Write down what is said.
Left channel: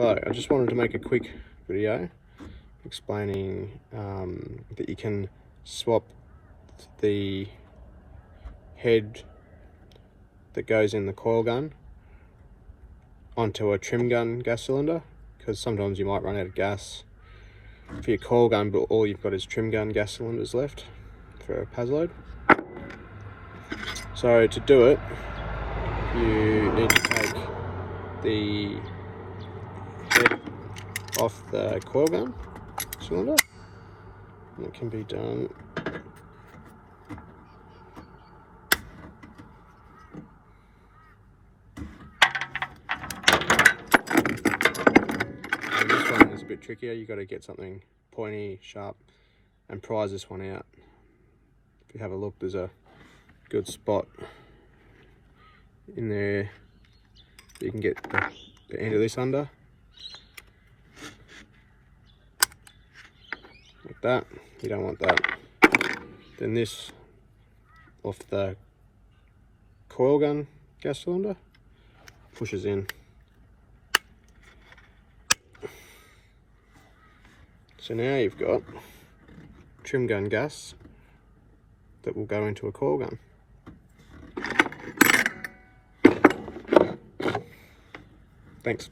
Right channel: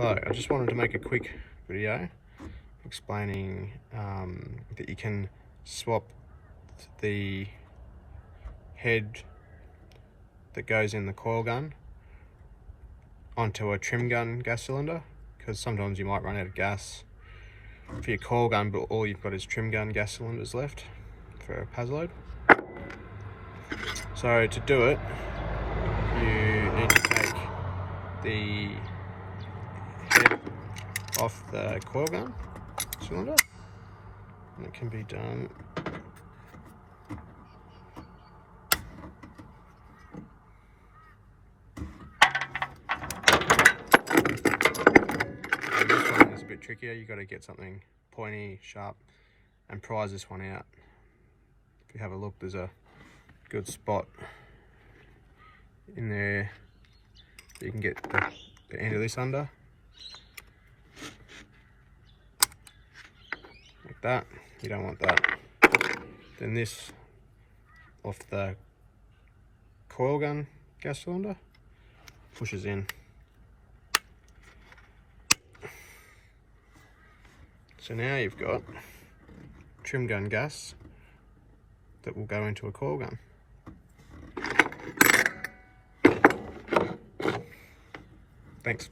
Hello, I just wanted to make a quick video explaining that you can swap the head that goes in the coil gun onto a trim gun gas cylinder, because sometimes you might run out of gas for your coil gun, but all you've got is trim gun gas cylinders left for a Paslode. So to do it, you need to take the head off the coil gun cylinder, and it can be done and this one is a bit trickier. You've got to get something pointy, sharp, and prise this one out. If you have a look, there's a good spot in there that you can get the end of this under, like that. You don't want that. Then this off the coil gun gas cylinder pushes in. So now you've got trim gun gas that will go into a coil gun. Thanks.